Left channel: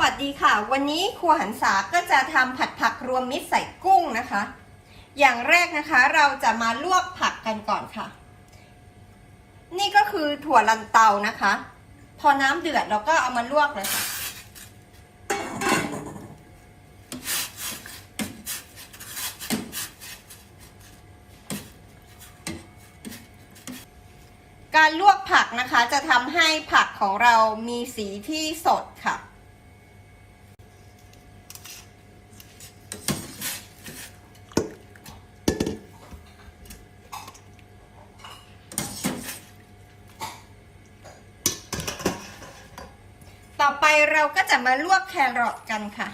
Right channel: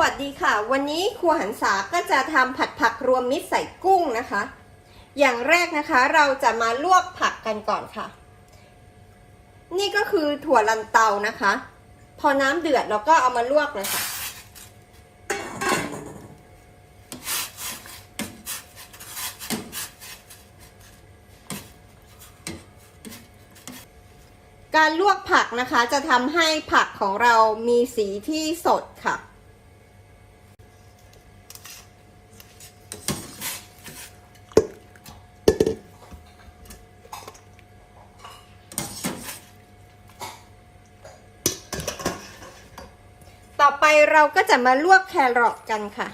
วัสดีค่ะ วันนี้ครัวหันษาก็จะทำผัดผักรวมมิตรใส่กุ้งนะคะ อย่างแรกนะคะเราจะมาลวกผักกันก่อนค่ะ นี่ก็คือถั่วลันเตานะคะ พอน้ำเดือดเราก็เอามาลวกเลยค่ะ การลวกผักนะคะจะทำให้ผักของเรามีสีที่สดค่ะ เราก็จะมาลวกแครอทกันค่ะ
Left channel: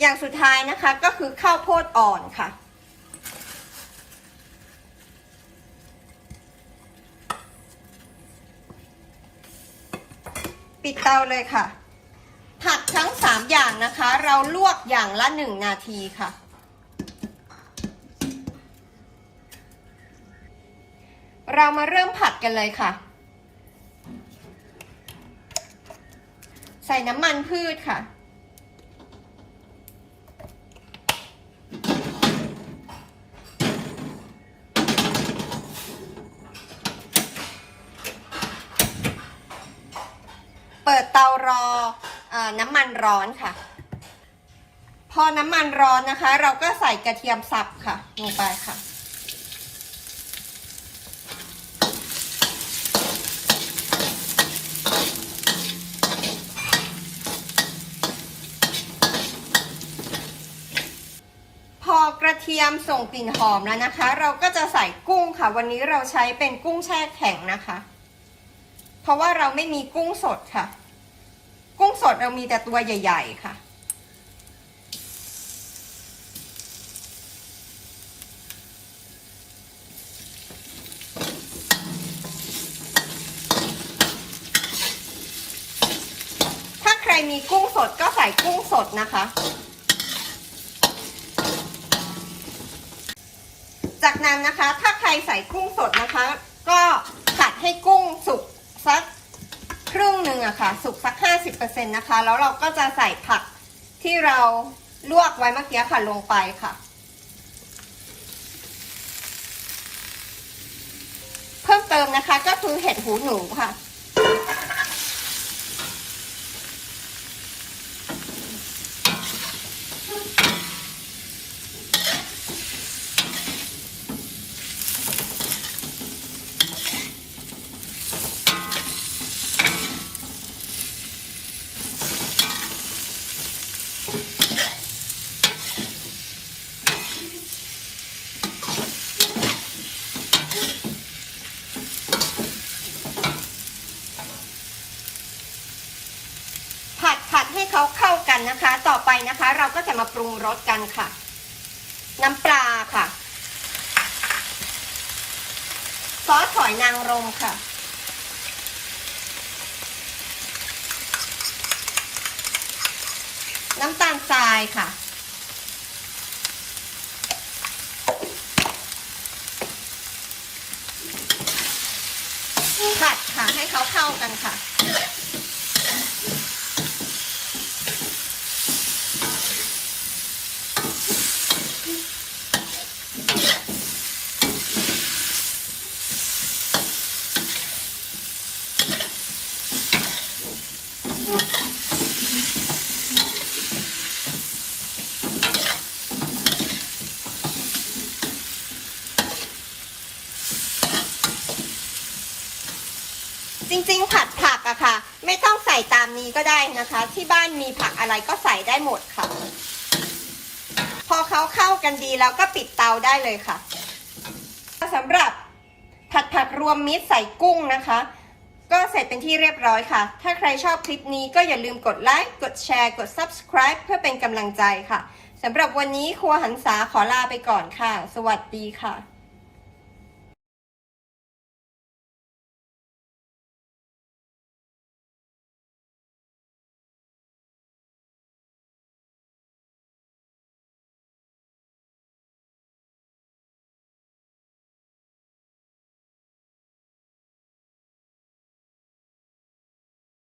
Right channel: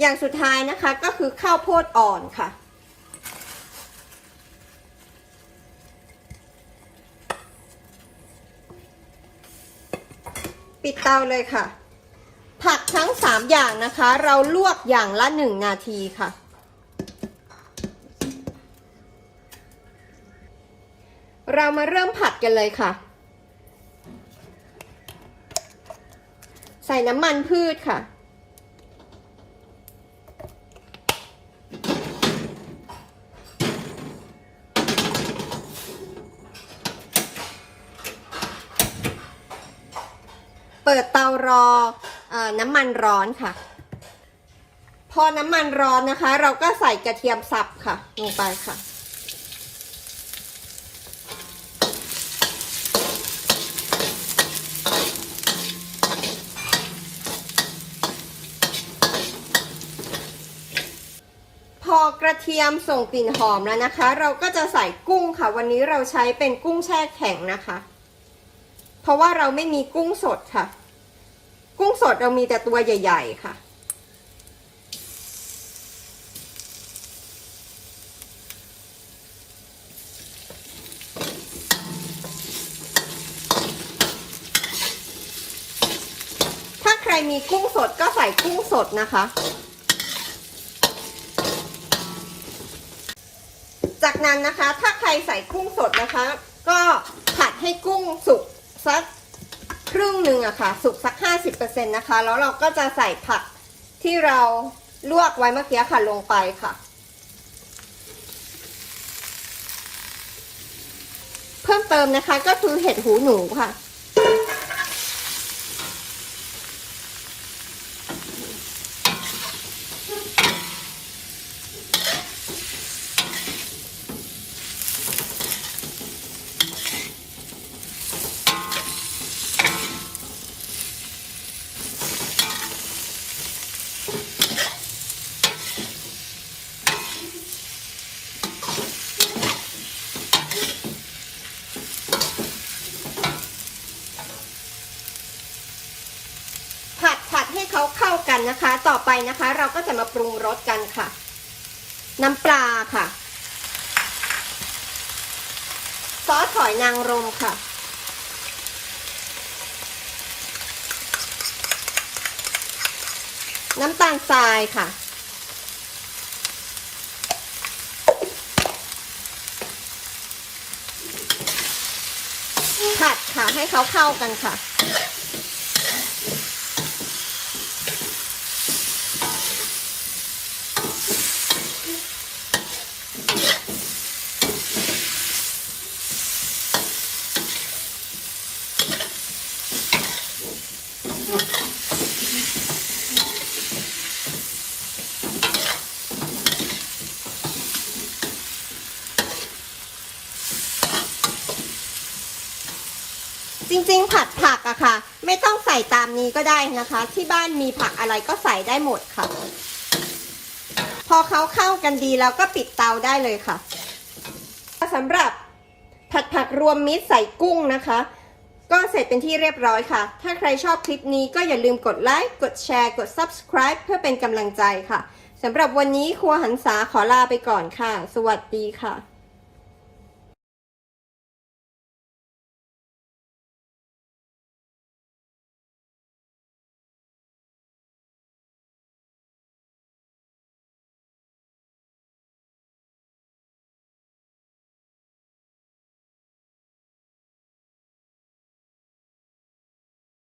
อย่างสุดท้ายนะคะก็คือข้าวโพดอ่อนค่ะ ปิดเตาเลยค่ะ ผักทั้ง 3 อย่างนะคะ เราลวกอย่างละ 1 นาทีค่ะ เรามาเริ่มผัดกันเลยค่ะใส่น้ำมันพืชค่ะ ปิดเตารออน้ำมันร้อนค่ะ พอน้ำมันร้อนนะคะ เราก็ใส่กระเทียมสับค่ะ ลงไปค่ะ พอกระเทียมส่งกลิ่นหอมแล้วนะคะ เราก็จะใส่กุ้งค่ะ วันนี้เราใช้เป็นกุ้งแช่แข็งนะคะ เพราะว่าเราไม่มีกุ้งสดค่ะ กุ้งสดเรามีแต่ตัวใหญ่ ๆ ค่ะ ถ้าใครมีกุ้งสดก็ใส่กุ้งสดนะคะ จากนั้นนะคะ ถ้าใครใส่กุ้งสดนะคะ ก็ผัดให้กุ้งสุกสักครึ่งห นะคะ สุกสัก 50%นะคะ แล้วเราก็จะใส่ผักที่เราลวกไว้เมื่อกี้ค่ะลงไปค่ะ เพิ่มเติมนะคะก็คือเห็ดหูหนูค่ะ ผัดผัดให้เขาเข้ากันนะคะ ต่อไปนะคะ เราก็จะมา กันค่ะ น้ำปลาค่ะ ซอสหอยนางรมค่ะ น้ำตาลทรายค่ะ ผัดค่ะให้เขาเข้ากันค่ะ จริงๆ ผัดผักอะค่ะ ไม่ต้องใส่ตามนี้ก็ได้นะคะ ที่บ้านมีผักอะไรก็ใส่ได้หมดค่ะ พอเขาเข้ากันดีแล้วก็ปิดเตาได้เลยค่ะสำหรับผัดผักรวมมิตรใส่กุ้งนะคะ ก็เสร็จเป็นที่เรียบร้อยค่ะ ถ้าใครชอบคลิปนี้ก็อย่าลืมกดไลค์กดแชร์ กด subscribe เพื่อเป็นกำลังใจค่ะสำหรับวันนี้ครัวหันษาขอลาไปก่อนค่ะ สวัสดีค่ะ